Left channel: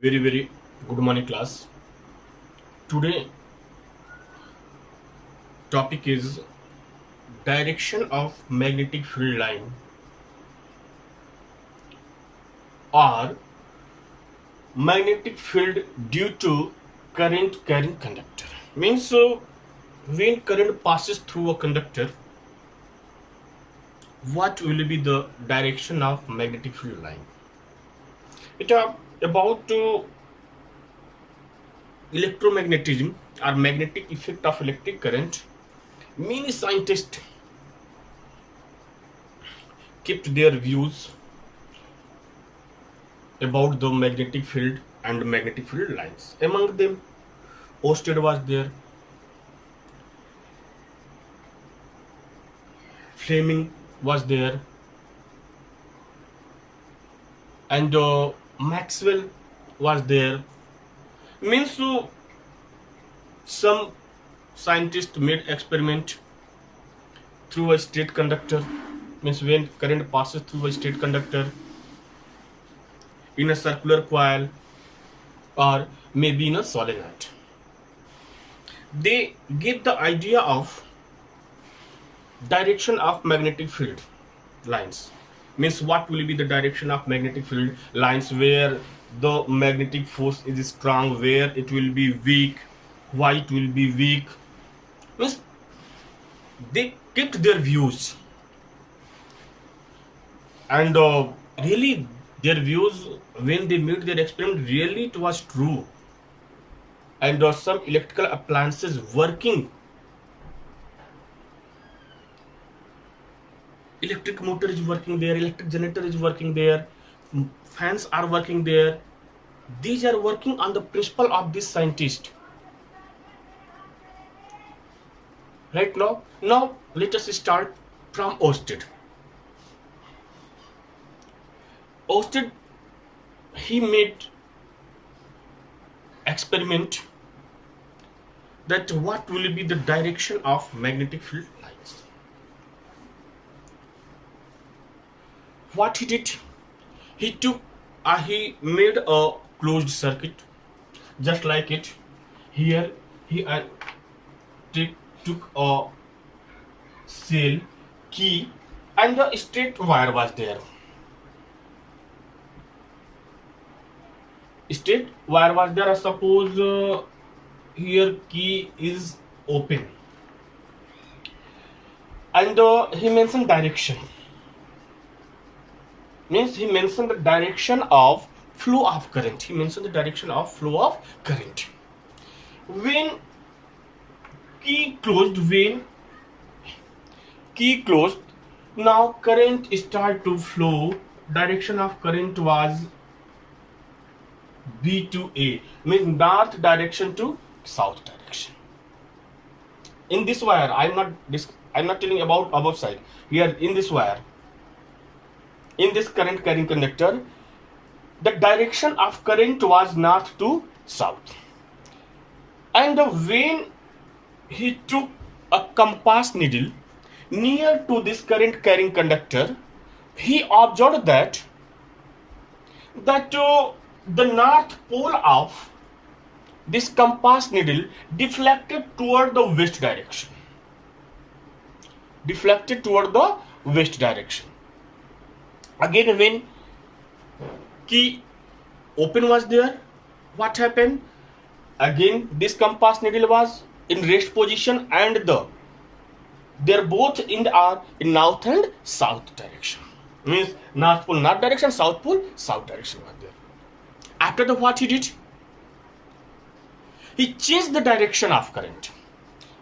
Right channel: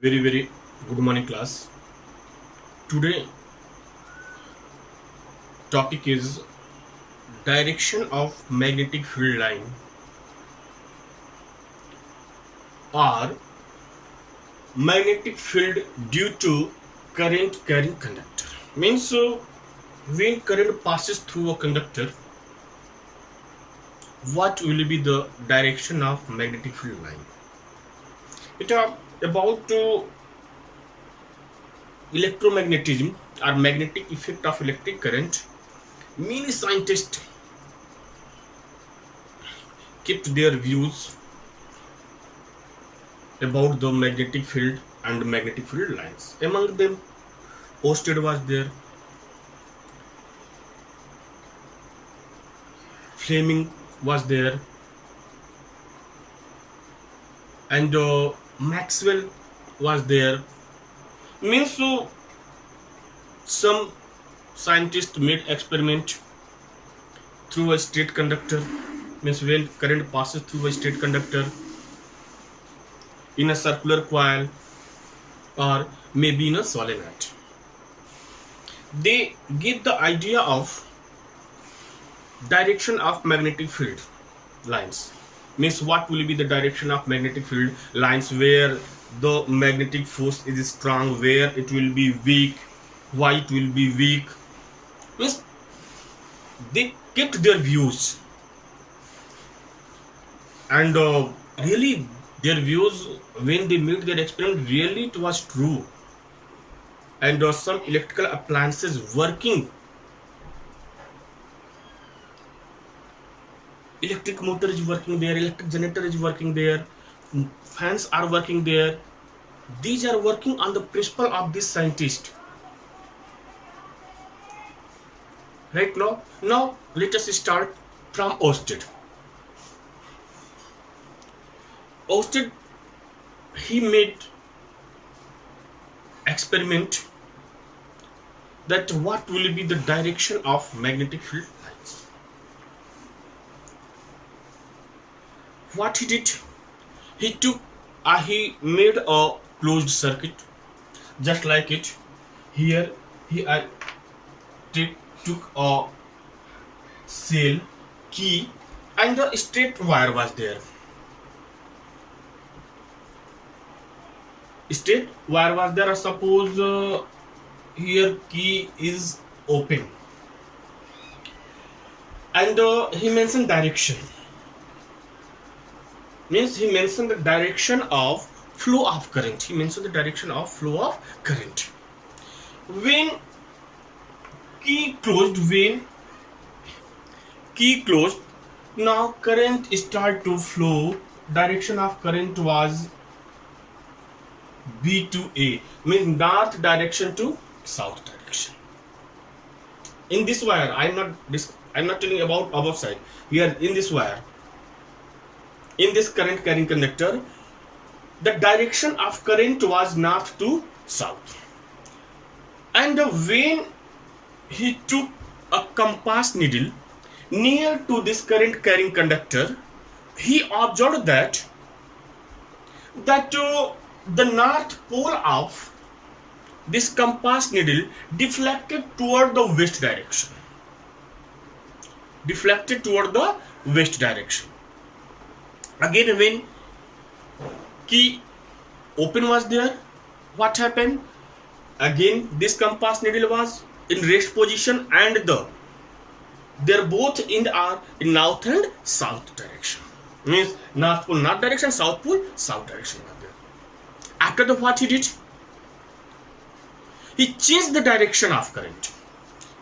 Very good morning, class. Today topic is direction of magnetic field line or magnetic field due to current carrying conductor. Means when current passes through a conductor, what will be the direction of magnetic field line? It are about electromagnetism or magnetic effect of electric current. Many scientists kept their views about the magnetic field and magnetic field lines. Among them, Oersted was there, Fleming was there, and Maxwell was there. Means some scientists made experiment through a straight conductor. Means when current passes through a straight conductor in a circular coil or maybe in a solenoid, they give the idea of direction of magnetic field lines. Means what will be the direction of magnetic field lines, where the magnetic force is strong, where it will be weak, why it will be weak. Means they kept their views, and really their views, when they made their experiment, really it was true. And some electrical appliances working, electric motor is working there, electric generator is working there, fans are working there. These are working on the principle of this scientist. Right now let us start from Oersted. Oersted, he made experiment that what will be the direction of magnetic field lines. What he did, he made a closed circuit, just like it. Here he took a cell, key, and the straight wire was there. Straight wire was there. Suppose here key is open, and he mentioned direction. Means he mentioned the direction of flow of current. He mentioned the direction of flow of current. When key closed, now current start to flow. Direction of current was B to A, means north direction to south direction. In this wire, I'm not telling about above side. Here in this wire, in this current carrying conductor, the direction of current was north to south. And when he took a compass needle near to this current carrying conductor, he observed that the north pole of this compass needle deflected toward the west direction. Again, when key open was there, what happened? Again, this compass needle was in rest position, and they're both in north and south direction. Means north pole north direction, south pole south direction was there. After that, what he did? He changed the direction of current.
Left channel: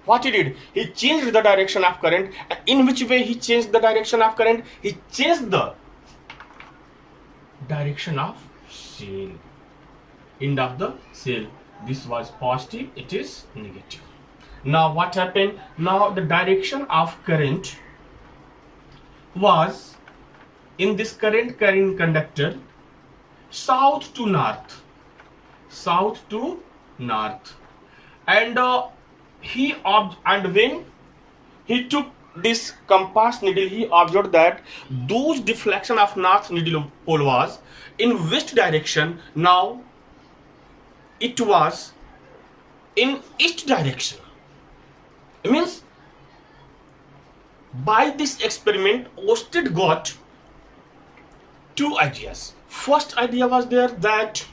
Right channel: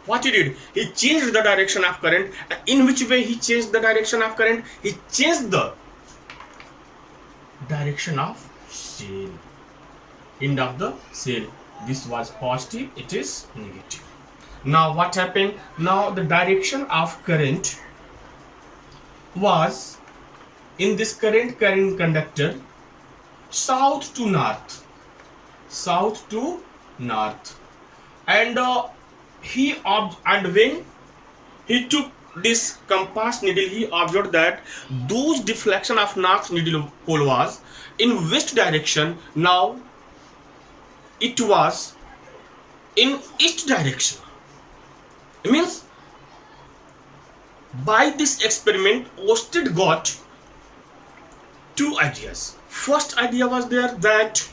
What he did? He changed the direction of current. In which way he changed the direction of current? He changed the direction of cell. End of the cell. This was positive, it is negative. Now what happened? Now the direction of current was, in this current carrying conductor, south to north, and when he took this compass needle, he observed that those deflection of north needle pole was in west direction. Now it was in east direction. It means by this experiment, Oersted got two ideas. First idea was there that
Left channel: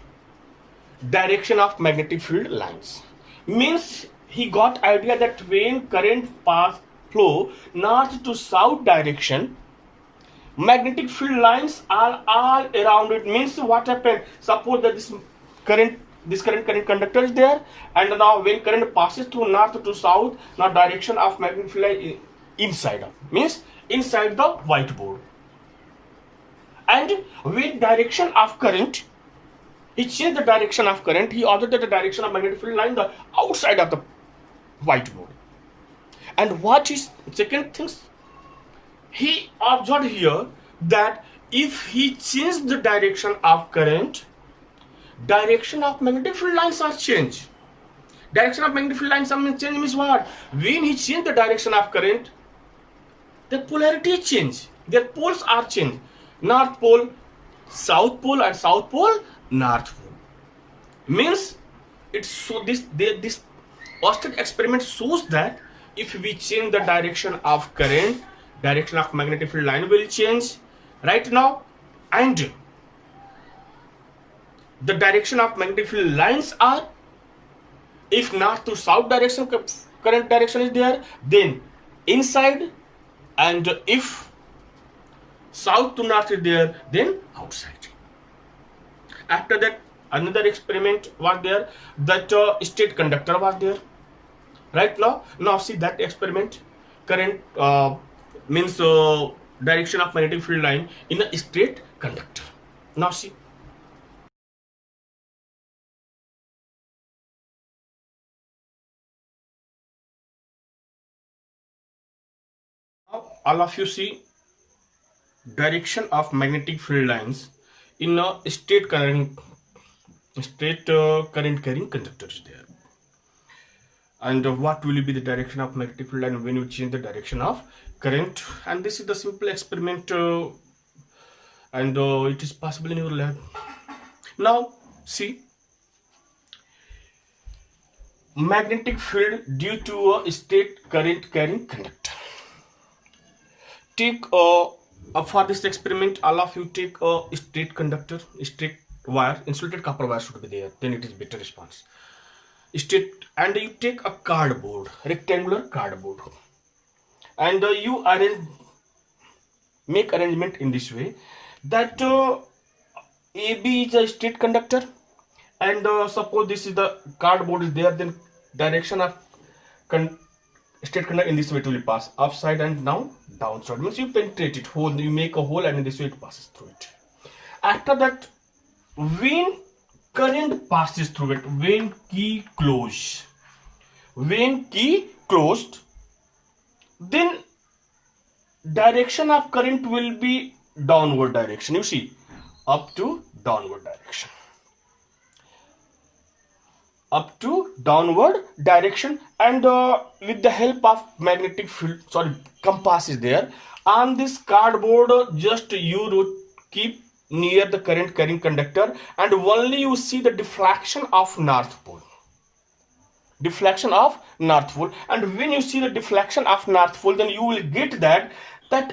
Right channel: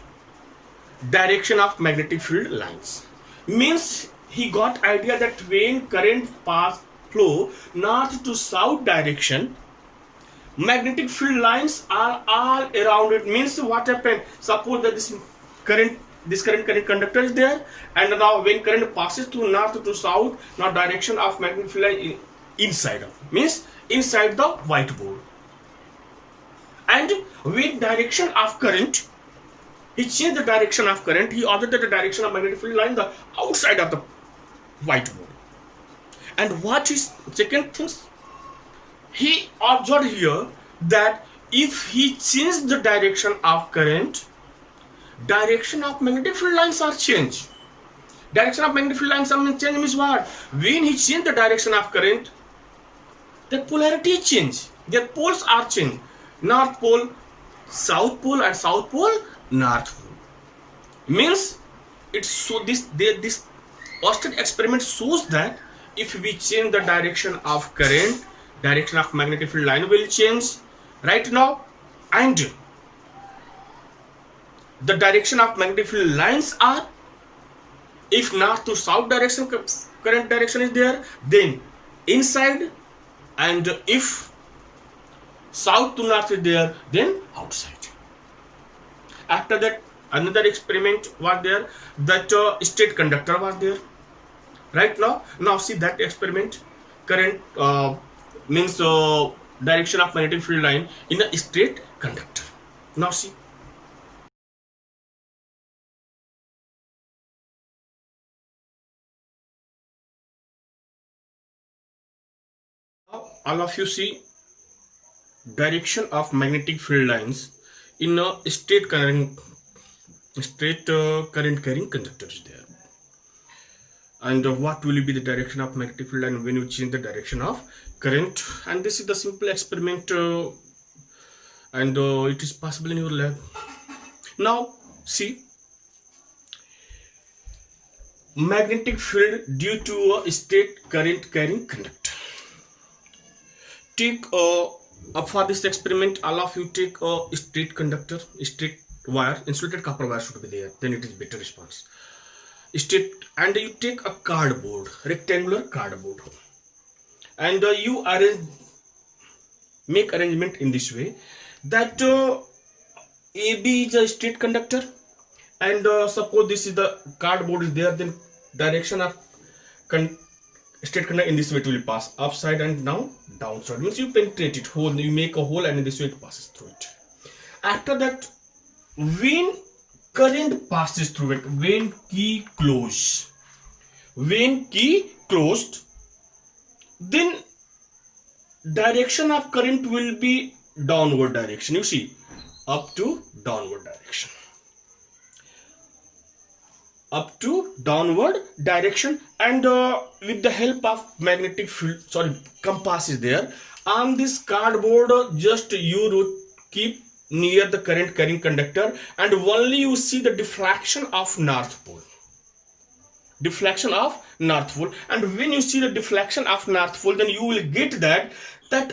direction of magnetic field lines. Means he got idea that when current flow north to south direction, magnetic field lines are all around it. Means what happened? Suppose that this current conductor is there, and now when current passes through north to south, now direction of magnetic field line inside of, means inside the whiteboard. And with direction of current, he changed the direction of current. He observed that the direction of magnetic field line the outside of the whiteboard. And what is second things? He observed here that if he changed the direction of current, direction of magnetic field lines are changed. Direction of magnetic field lines change means what? When he changed the direction of current, the polarity change. Their poles are changed. North pole, south pole, and south pole, north pole. Means it's so this Oersted experiment shows that if we change the direction of current, direction of magnetic field line will change right now, and the direction of magnetic field lines are, if north to south direction current direction is there, then inside, and if south to north is there, then outside. After that, another experiment was there, that straight conductor was there. Right now see that experiment. Current means direction of magnetic field line in a straight conductor. Now see. Now all of you see direction of magnetic field lines in a straight current carrying conductor is there. And what will be the direction of magnetic field line when you change the direction of current? And this is the simple experiment, and it is possible in your lab. Now see, magnetic field due to a straight current carrying conductor. Take for this experiment, all of you take a straight conductor, straight wire, insulated copper wire should be there, then it is better response. Straight, and you take a cardboard, rectangular cardboard, and you make arrangement in this way that AB is a straight conductor, and suppose this is the cardboard is there, then direction of straight conductor in this way it will pass upside and now downside. Means you penetrate it, hole, you make a hole, and in this way it passes through it. After that, when current passes through it, when key closed, then direction of current will be downward direction. You see, up to downward direction, and with the help of magnetic field, compass is there on this cardboard. Just you keep near the current carrying conductor, and only you see the deflection of north pole. And when you see the deflection of north pole, then you will get that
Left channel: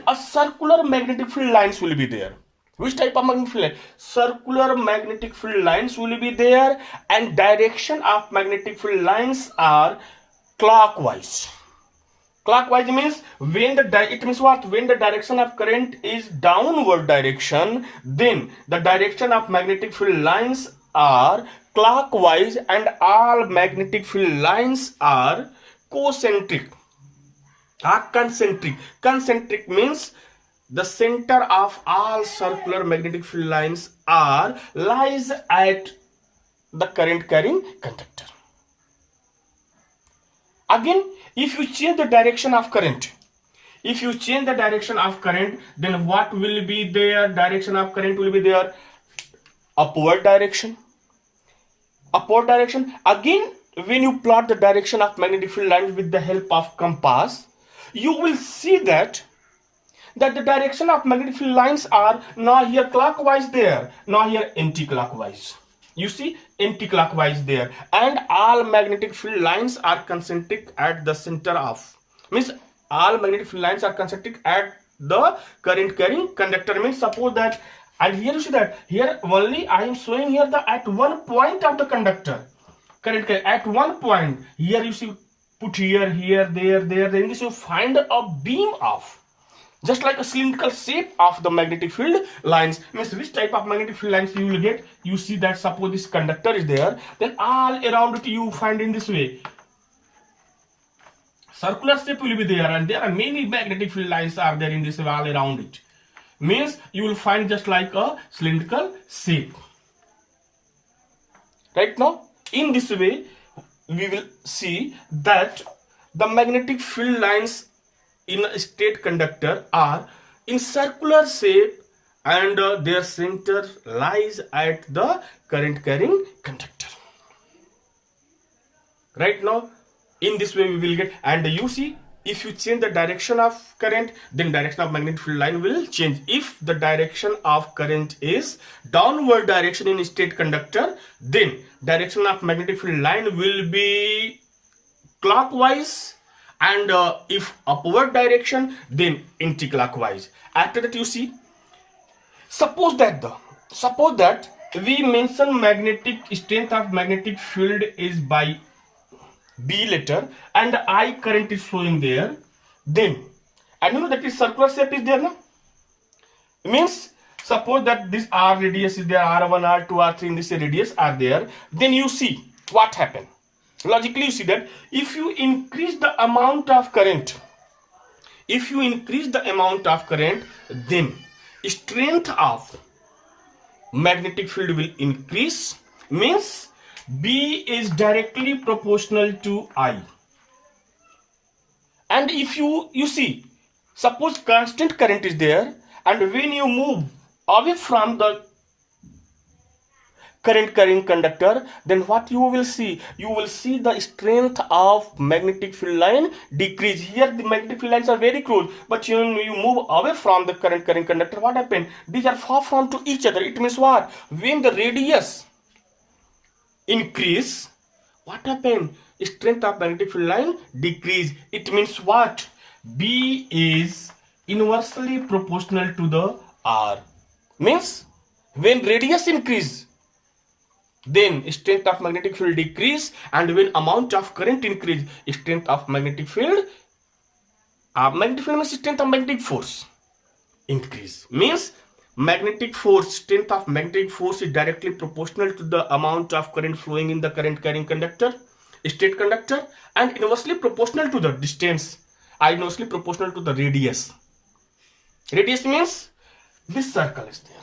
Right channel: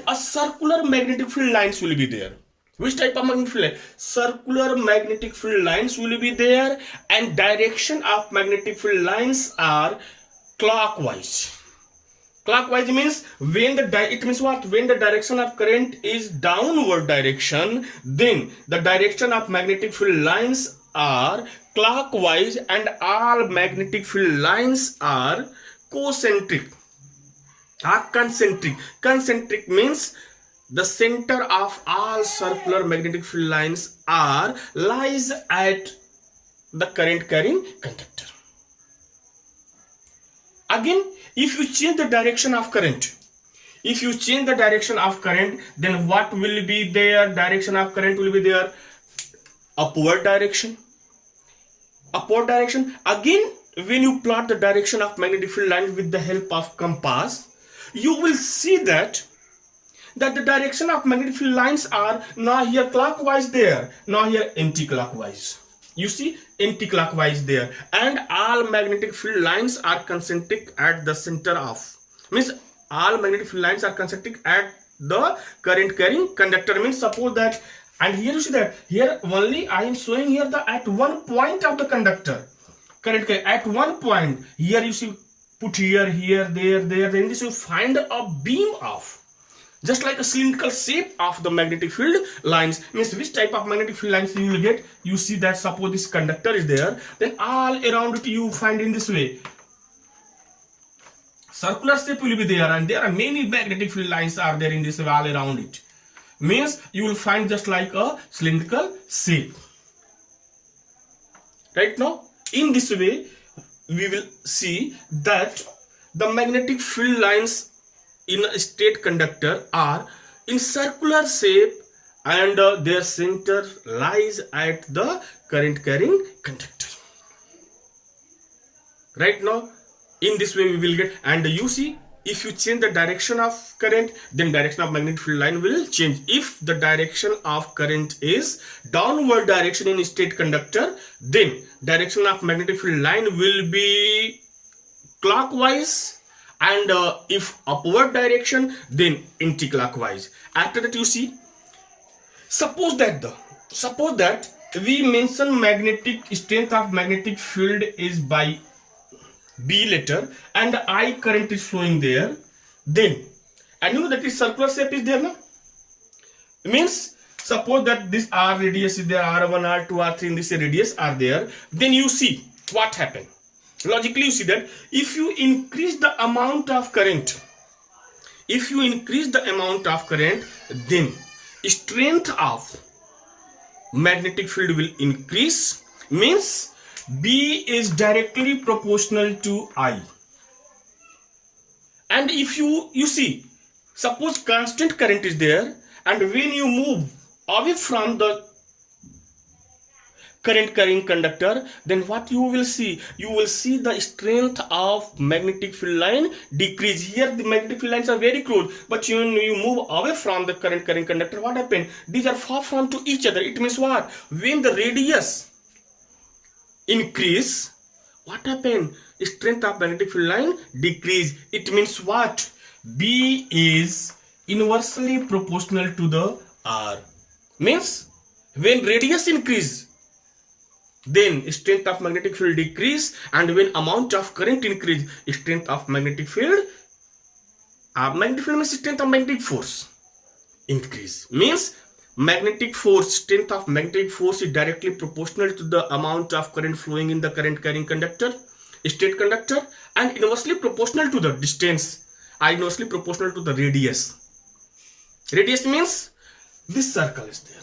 a circular magnetic field lines will be there. Which type of magnetic field line? Circular magnetic field lines will be there, and direction of magnetic field lines are clockwise. Clockwise means when the direction of current is downward direction, then the direction of magnetic field lines are clockwise, and all magnetic field lines are concentric. Concentric means the center of all circular magnetic field lines lies at the current carrying conductor. Again, if you change the direction of current, then what will be there? Direction of current will be there upward direction. Again, when you plot the direction of magnetic field line with the help of compass, you will see that the direction of magnetic field lines are now here clockwise there, now here anti-clockwise. You see anti-clockwise there, and all magnetic field lines are concentric at the center of, means all magnetic field lines are concentric at the current carrying conductor. Means suppose that, and here you see that here only I am showing here the at one point of the conductor current carry, at one point. Here you see put here, there, then this you find a beam of just like a cylindrical shape of the magnetic field lines. Means which type of magnetic field lines you will get? You see that suppose this conductor is there, then all around it you find in this way circular shape will be there, and there are many magnetic field lines are there in this way all around it. Means you will find just like a cylindrical shape. Right now in this way we will see that the magnetic field lines in a straight conductor are in circular shape, and their center lies at the current carrying conductor. Right now in this way we will get, and you see if you change the direction of current, then direction of magnetic field line will change. If the direction of current is downward direction in straight conductor, then direction of magnetic field line will be clockwise, and if upward direction, then anti-clockwise. After that you see, suppose that we mention magnetic strength of magnetic field is by B letter, and I current is flowing there, then, and you know that is circular shape is there, no? Means suppose that this R radius is there, R1, R2, R3 in this radius are there, then you see what happened. Logically you see that if you increase the amount of current, then strength of magnetic field will increase. Means B is directly proportional to I. And if you see, suppose constant current is there, and when you move away from the current carrying conductor, then what you will see? You will see the strength of magnetic field line decrease. Here the magnetic field lines are very close, but when you move away from the current carrying conductor, what happened? These are far from to each other. It means what? When the radius increase, what happened? Strength of magnetic field line decrease. It means what? B is inversely proportional to the R. Means when radius increase, then strength of magnetic field decrease, and when amount of current increase, strength of magnetic field means strength of magnetic force increase. Means magnetic force, strength of magnetic force is directly proportional to the amount of current flowing in the current carrying conductor, straight conductor, and inversely proportional to the distance, inversely proportional to the radius. Radius means this circle is there.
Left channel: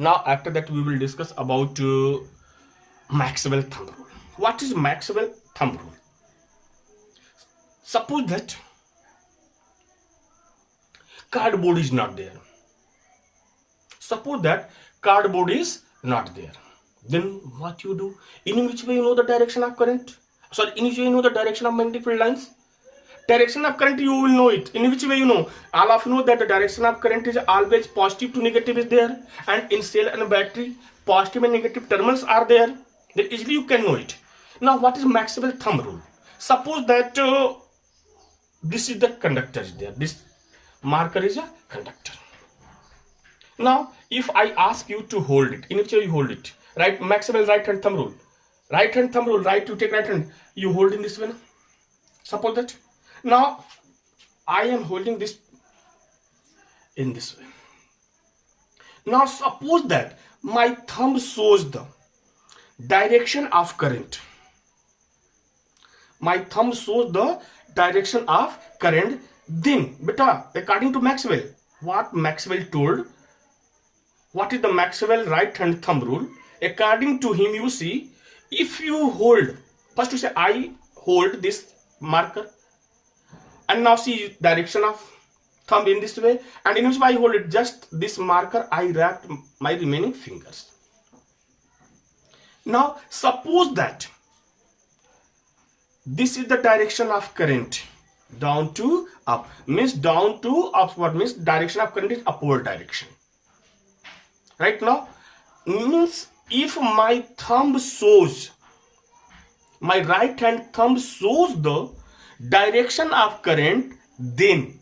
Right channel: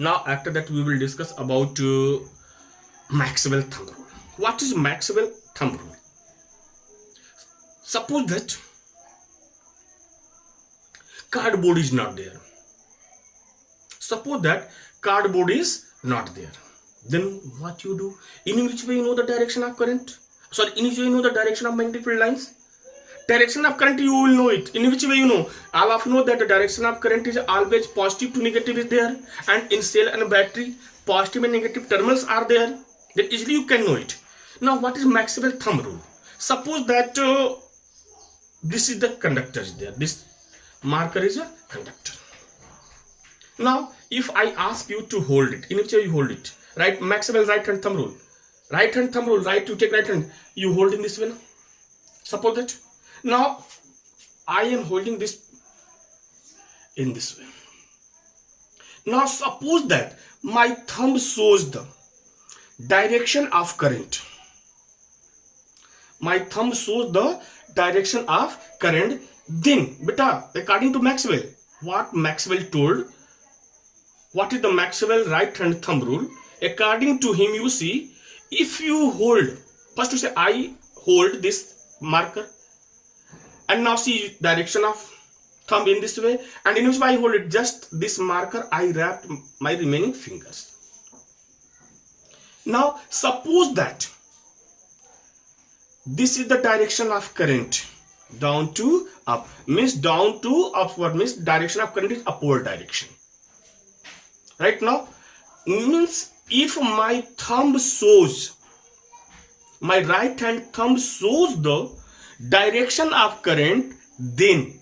Now after that we will discuss about Maxwell thumb rule. What is Maxwell thumb rule? Suppose that cardboard is not there. Suppose that cardboard is not there. Then what you do? In which way you know the direction of current? Sorry, in which way you know the direction of magnetic field lines? Direction of current you will know it. In which way you know? All of you know that the direction of current is always positive to negative is there, and in cell and battery positive and negative terminals are there. Then easily you can know it. Now what is Maxwell thumb rule? Suppose that this is the conductor is there. This marker is a conductor. Now if I ask you to hold it, in which way you hold it? Right, Maxwell right hand thumb rule. Right hand thumb rule, right, you take right hand, you hold in this way. Suppose that. Now I am holding this in this way. Now suppose that my thumb shows the direction of current. My thumb shows the direction of current. Then beta, according to Maxwell, what Maxwell told, what is the Maxwell right hand thumb rule? According to him, you see, if you hold, first you say I hold this marker, and now see direction of thumb in this way, and in which way I hold it, just this marker I wrapped my remaining fingers. Now suppose that this is the direction of current, down to up, means down to upward, means direction of current is upward direction. Right now means if my thumb shows, my right hand thumb shows the direction of current, then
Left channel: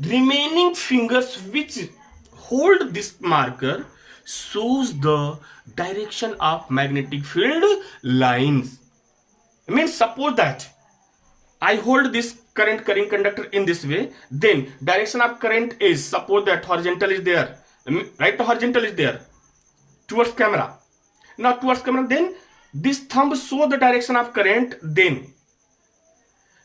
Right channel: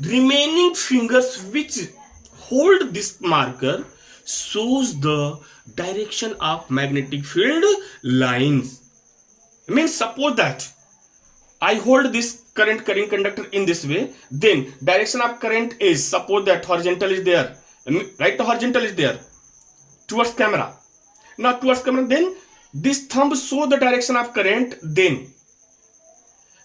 remaining fingers which hold this marker shows the direction of magnetic field lines. Means suppose that I hold this current carrying conductor in this way, then direction of current is, suppose that horizontal is there, right? The horizontal is there towards camera. Now towards camera, then this thumb show the direction of current, then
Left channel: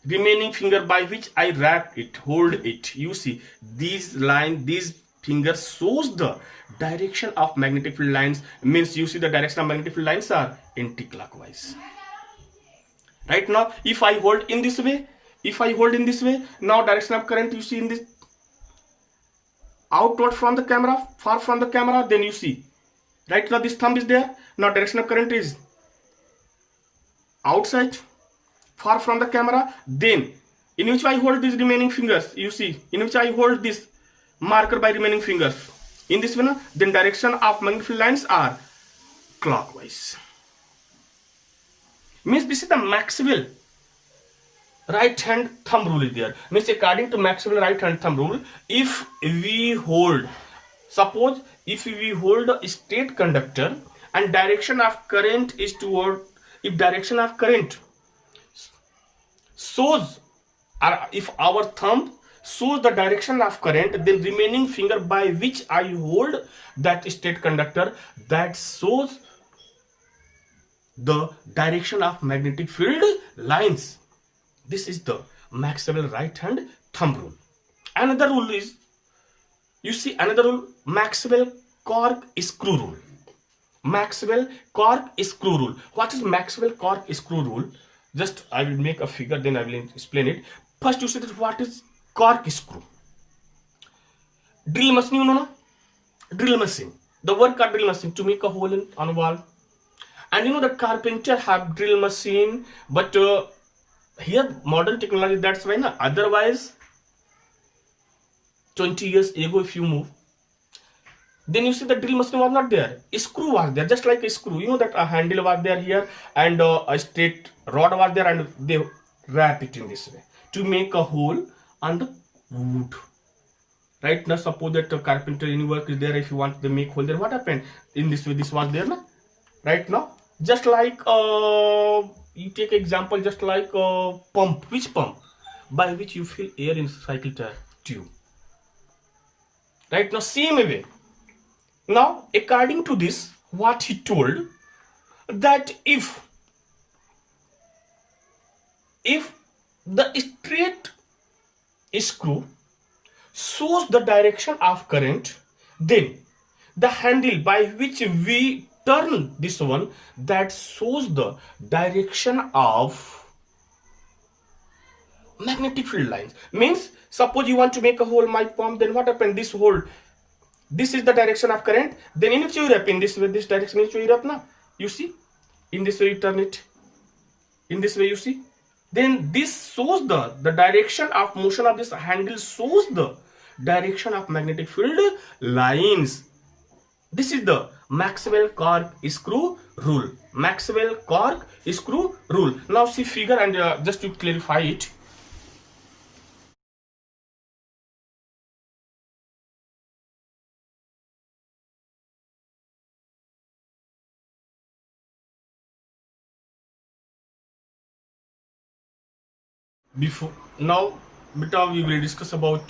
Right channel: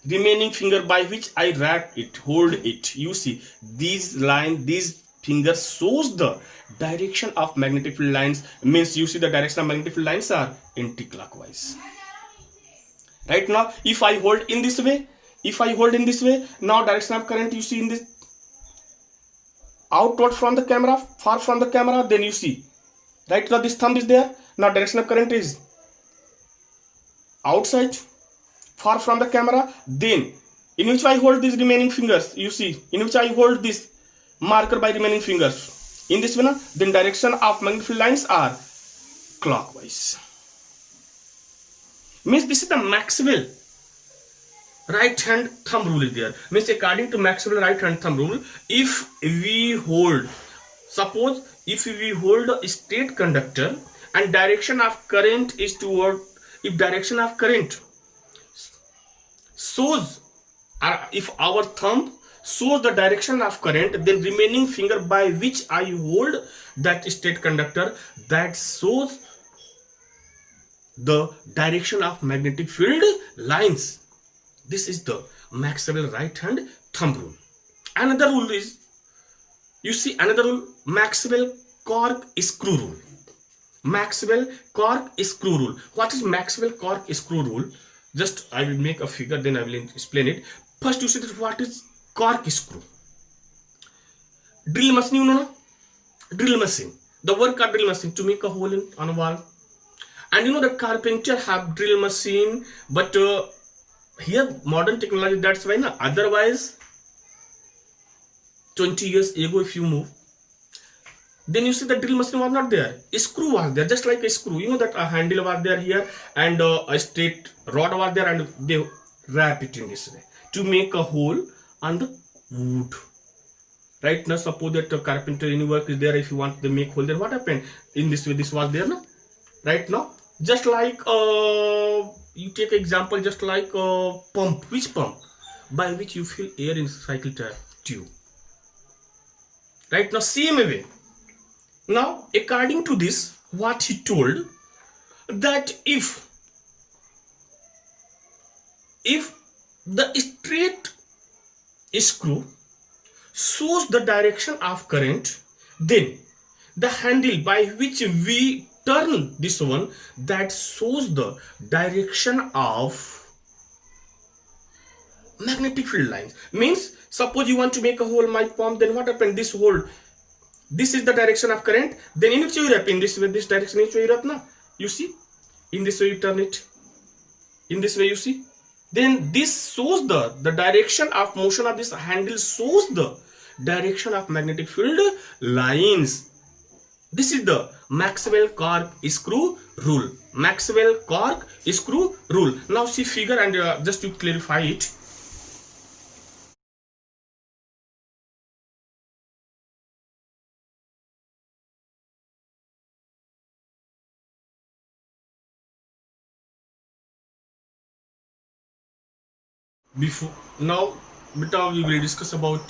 remaining finger by which I wrap it, hold it. You see these line, these fingers shows the direction of magnetic field lines. Means you see the direction of magnetic field lines are anti-clockwise. Right now, if I hold in this way, if I hold in this way, now direction of current you see in this outward from the camera, far from the camera, then you see. Right now this thumb is there. Now direction of current is outside, far from the camera. Then in which I hold these remaining fingers, you see, in which I hold this marker by remaining fingers. In this way, then direction of magnetic field lines are clockwise. Means this is the Maxwell right hand thumb rule is there. Means according to Maxwell right hand thumb rule, if we hold, suppose if we hold a straight conductor and direction of current is toward, if direction of current shows, if our thumb shows the direction of current, then remaining finger by which I hold that straight conductor, that shows the direction of magnetic field lines. This is the Maxwell right hand thumb rule. Another rule is, you see another rule, Maxwell Cork screw rule. Maxwell Cork screw rule. What is Maxwell Cork screw rule? Just I will make a figure, then I will explain it. First you see that what is cork screw. Drill machine, you know, no? Drill machine. The work of drill machine to make a hole on a wall. And you know the carpenter have drill machine, but here modern technology, that's why na. Otherwise 20 years ago if you move, then you see the drill machine was not there. A screw was there, just like a screw. You know that a handle was there here and a straight rod was there, and they wrap it in this way to make a hole on the wood. Right now, suppose that a carpenter any work is there, if you want to make hole there, what happened? In this way, this was there, na? Right now, just like you take example, just like a pump. Which pump? By which you fill air in cycle tube. Right now, same way. Now, according to this, what he told, that if the straight screw shows the direction of current, then the handle by which we turn this one, that shows the direction of magnetic field lines. Means, suppose you want to make a hole my palm, then what happened? This hole, this is the direction of current, then in which you wrap, in this way, this direction in which you wrap, na? You see, in this way you turn it, in this way you see, then this shows the direction of motion of this handle, shows the direction of magnetic field lines. This is the Maxwell Cork screw rule. Maxwell Cork screw rule. Now see figure, and just to clarify it. Before now, beta, we will discuss about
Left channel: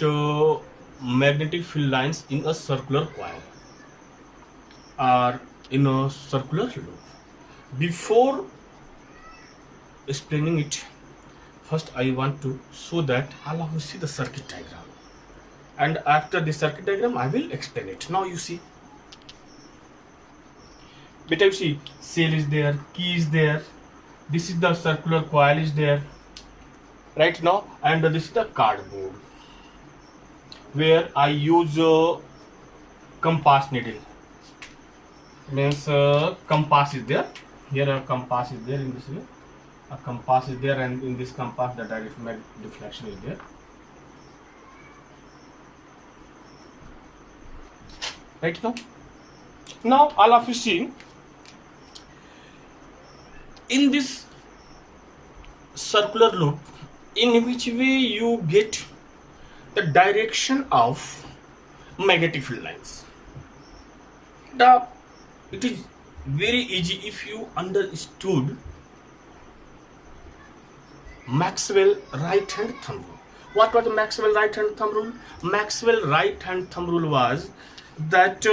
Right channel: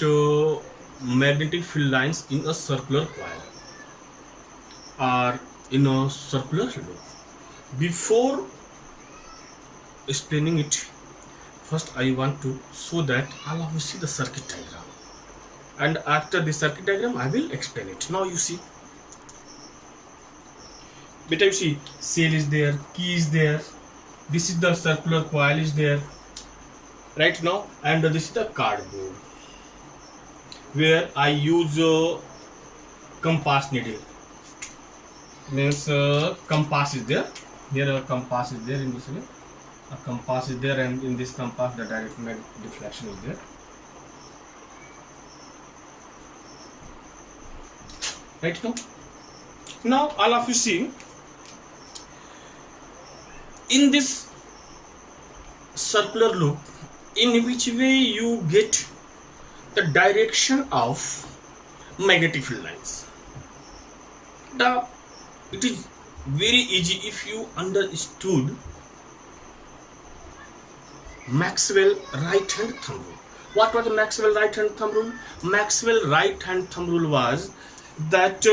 magnetic field lines in a circular coil or in a circular loop. Before explaining it, first I want to show that all of you see the circuit diagram, and after the circuit diagram I will explain it. Now you see, beta, you see cell is there, key is there, this is the circular coil is there right now, and this is the cardboard where I use compass needle. Means compass is there, here a compass is there, in this way a compass is there, and in this compass the direct deflection is there. Right now, Now all of you see, in this circular loop, in which way you get the direction of magnetic field lines. It is very easy if you understood Maxwell right hand thumb rule. What was the Maxwell right hand thumb rule? Maxwell right hand thumb rule was that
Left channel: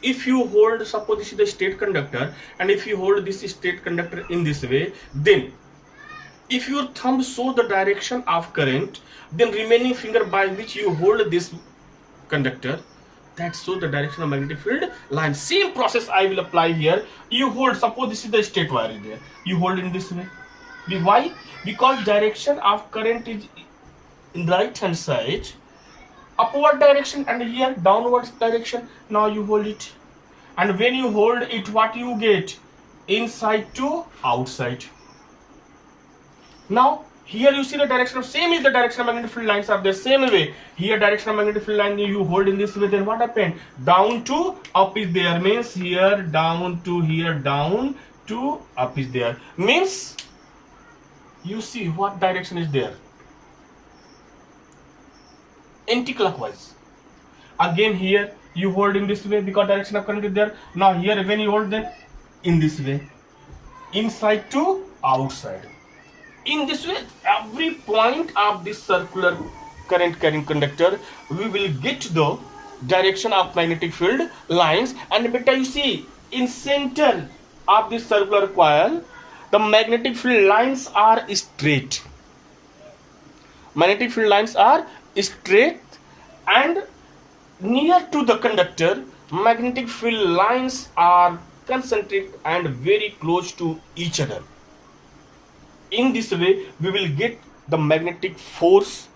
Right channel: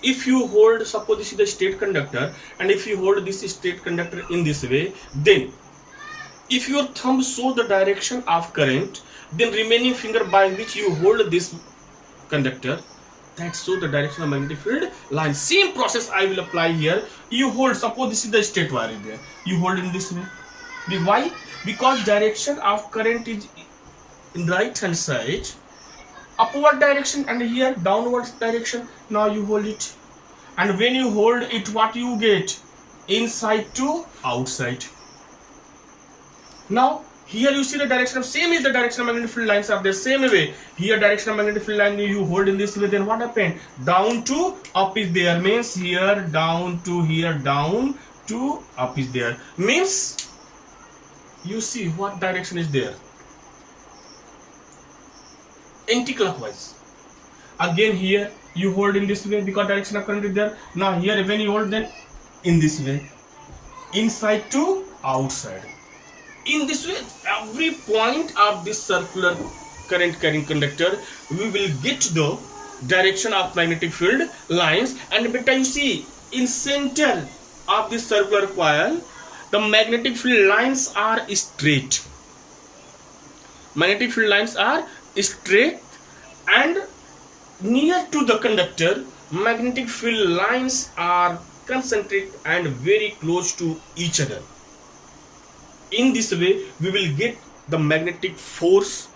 if you hold, suppose this is the state conductor, and if you hold this state conductor in this way, then if your thumb shows the direction of current, then remaining finger by which you hold this conductor, that shows the direction of magnetic field line. Same process I will apply here. You hold, suppose this is the straight wire is there, you hold in this way. Why? Because direction of current is in right hand side, upward direction, and here downward direction. Now you hold it, and when you hold it, what you get? Inside to outside. Now here you see the direction of, same is the direction of magnetic field lines are the same way. Here direction of magnetic field line you hold in this way, then what happened? Down to up is there, means here down to here, down to up is there, means you see what direction is there? Anti-clockwise. Again here you hold in this way because direction of current is there. Now here when you hold, then in this way, inside to outside. In this way, every point of this circular current carrying conductor, we will get the direction of magnetic field lines. And better you see, in center of this circular coil, the magnetic field lines are straight. Magnetic field lines are straight, and near to the conductor, magnetic field lines are concentric and very close to each other. In this way, we will get the magnetic force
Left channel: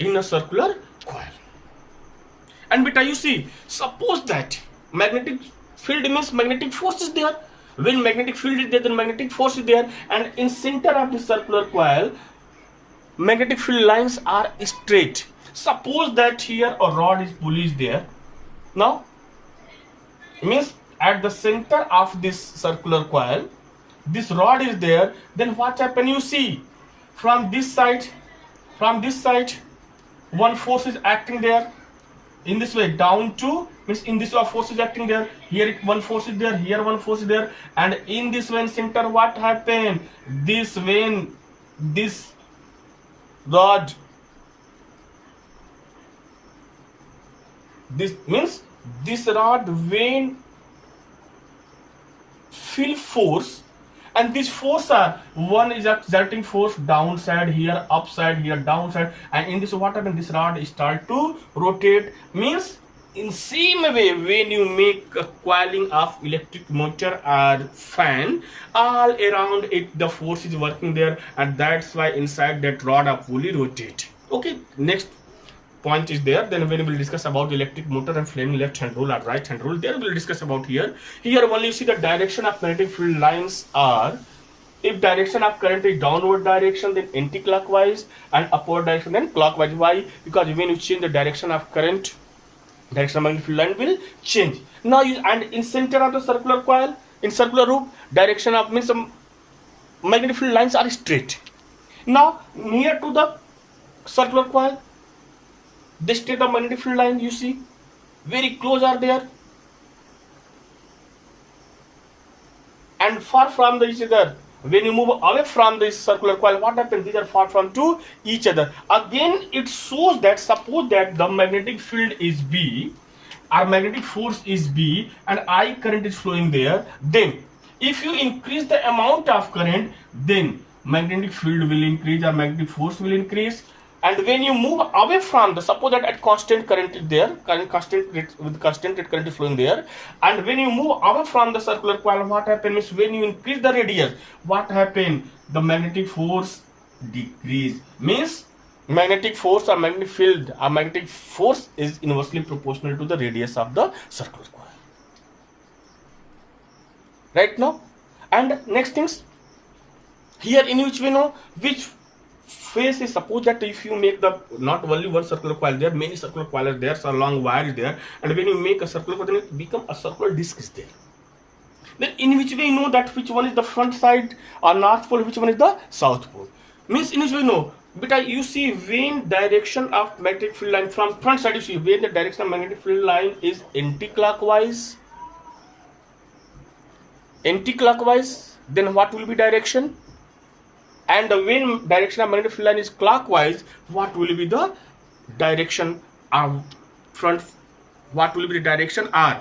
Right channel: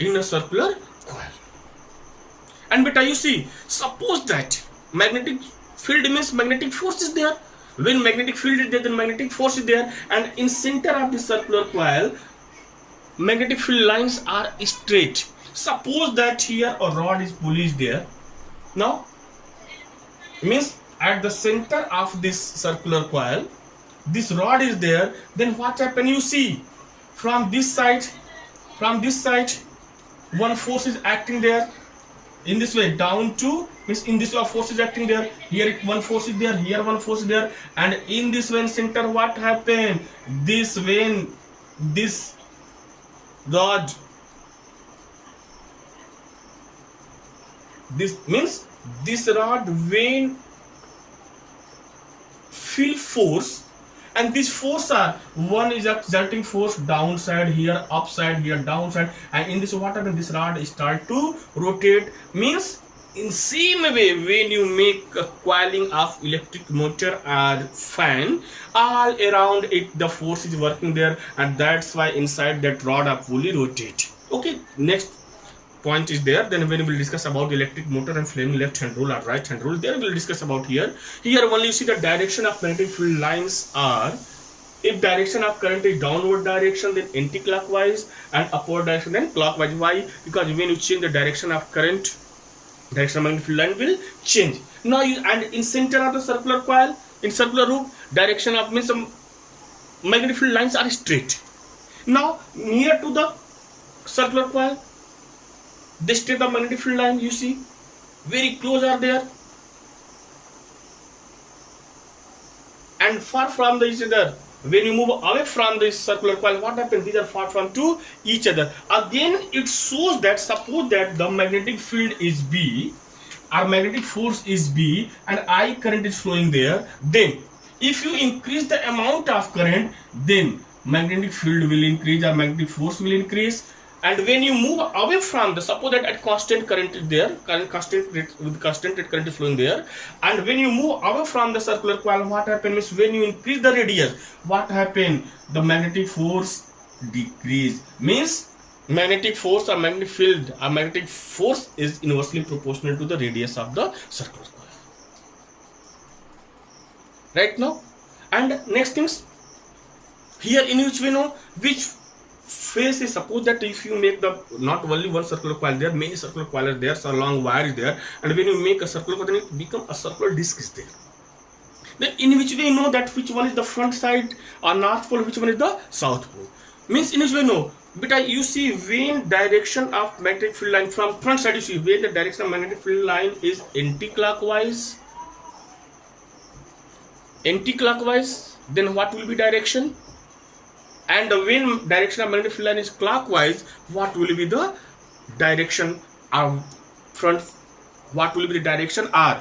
in a circular coil. And beta you see, suppose that magnetic field means magnetic force is there. When magnetic field is there, then magnetic force is there, and in center of the circular coil, magnetic field lines are straight. Suppose that here a rod is pulley is there. Now, means at the center of this circular coil, this rod is there. Then what happen? You see, from this side, one force is acting there. In this way, down to, means in this way force is acting there. Here one force is there. Here one force is there. And in this way center, what happened? This when this rod, this means this rod when feel force, and this force are, one is exerting force downside here, upside here, downside, and in this what happens? This rod start to rotate. Means in same way, when you make a coiling of electric motor or fan, all around it the force is working there, and that's why inside that rod a pulley rotate. Okay, next point is there. Then when we will discuss about electric motor and Fleming left hand rule or right hand rule, there we will discuss about here. Here only you see the direction of magnetic field lines are, if direction of current is downward direction, then anti-clockwise, and upward direction, then clockwise. Why? Because when you change the direction of current, direction of magnetic field line will change. Now you, and in center of the circular coil, in circular loop, direction of means magnetic field lines are straight. Now near to the circular coil, this state of magnetic field line you see very close are there, and far from the each other. When you move away from this circular coil, what happens? These are far from to each other. Again, it shows that suppose that the magnetic field is B, or magnetic force is B, and I current is flowing there. Then, if you increase the amount of current, then magnetic field will increase or magnetic force will increase. And when you move away from the, suppose that at constant current is there, constant rate, with constant rate current is flowing there, and when you move away from the circular coil, what happens is when you increase the radius, what happens? The magnetic force decrease. Means magnetic force or magnetic field or magnetic force is inversely proportional to the radius of the circular coil. Right now, and next things here, in which we know which face is, suppose that if you make the not only one circular coil, there are many circular coil are there, so a long wire is there, and when you make a circular coil, then it become a circular disc is there. Then in which way you know that which one is the front side or north pole, which one is the south pole? Means in which way you know? But you see when direction of magnetic field line from front side, you see when the direction of magnetic field line is anti-clockwise, then what will be direction? And when direction of magnetic field line is clockwise, what will be the direction of front? What will be the direction or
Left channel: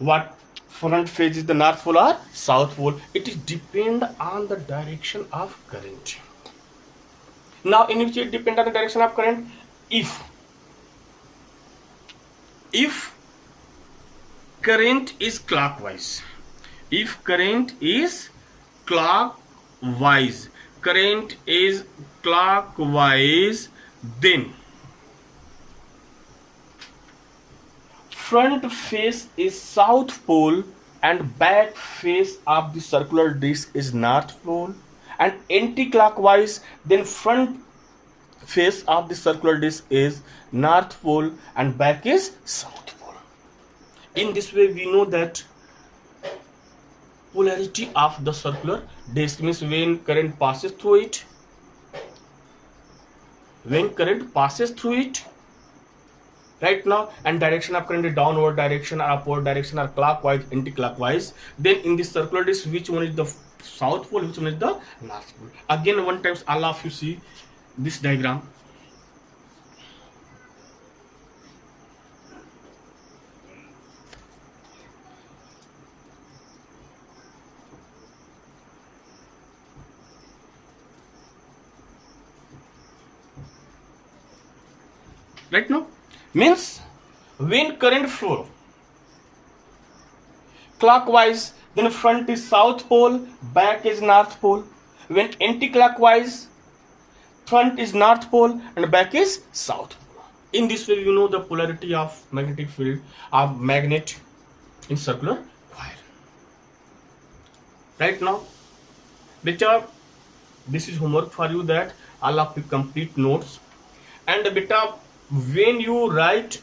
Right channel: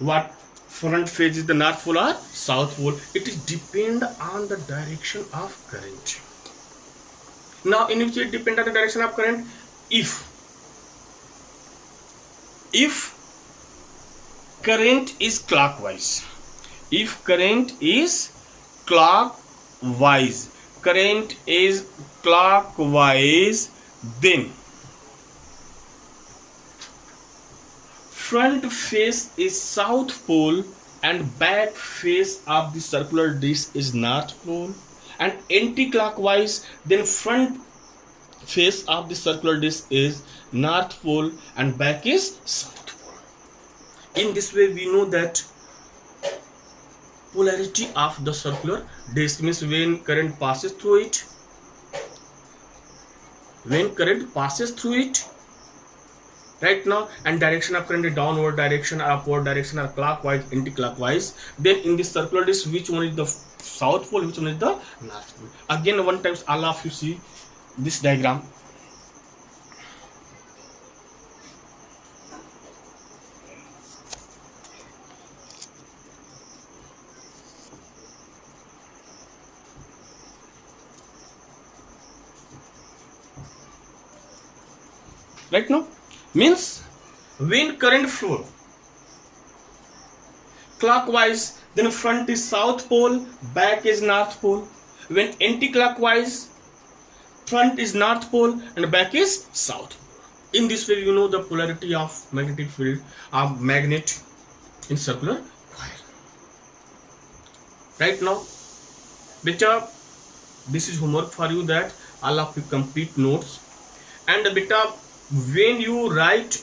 what front phase is the north pole or south pole? It is depend on the direction of current. Now in which it depend on the direction of current? If current is clockwise, then front face is south pole and back face of the circular disc is north pole, and anti-clockwise, then front face of the circular disc is north pole and back is south pole. In this way we know that polarity of the circular disc means when current passes through it, right now, and direction of current is downward direction or upward direction or clockwise, anti-clockwise, then in this circular disc which one is the south pole, which one is the north pole? Again one times all of you see this diagram. Right now, means when current flow clockwise, then front is south pole, back is north pole. When anti-clockwise, front is north pole and back is south pole. In this way you know the polarity of magnetic field of magnet in circular coil. Right now, beta, this is homework for you, that all of you complete notes, and beta, when you write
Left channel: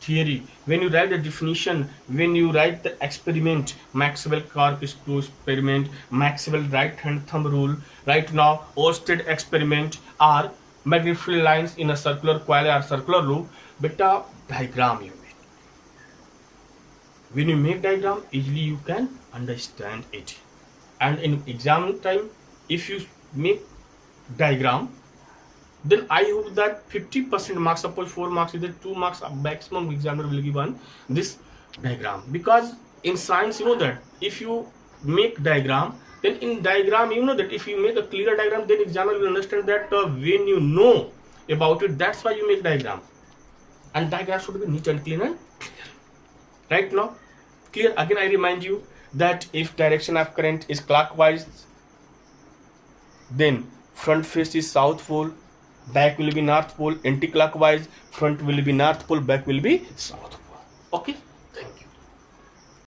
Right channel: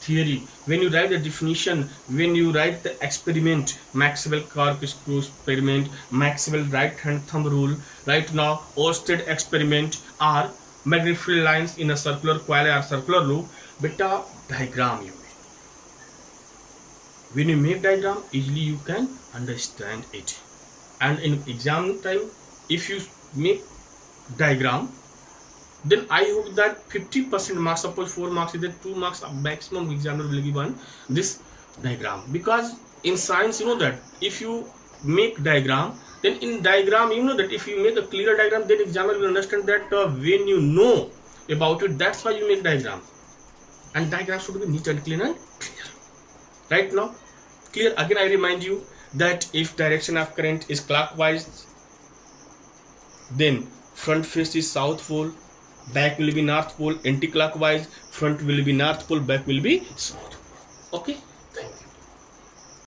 theory, when you write the definition, when you write the experiment, Maxwell Cork screw experiment, Maxwell right hand thumb rule, right now Oersted experiment, or magnetic field lines in a circular coil or circular loop, beta, diagram you make. When you make diagram, easily you can understand it. And in exam time, if you make diagram, then I hope that 50% marks, suppose 4 marks is the 2 marks maximum examiner will give on this diagram. Because in science you know that if you make diagram, then in diagram you know that if you make a clear diagram, then examiner will understand that when you know about it, that's why you make diagram. And diagram should be neat and clean and clear. Right now, clear? Again I remind you that if direction of current is clockwise, then front face is south pole, back will be north pole, anti-clockwise, front will be north pole, back will be south pole. Okay.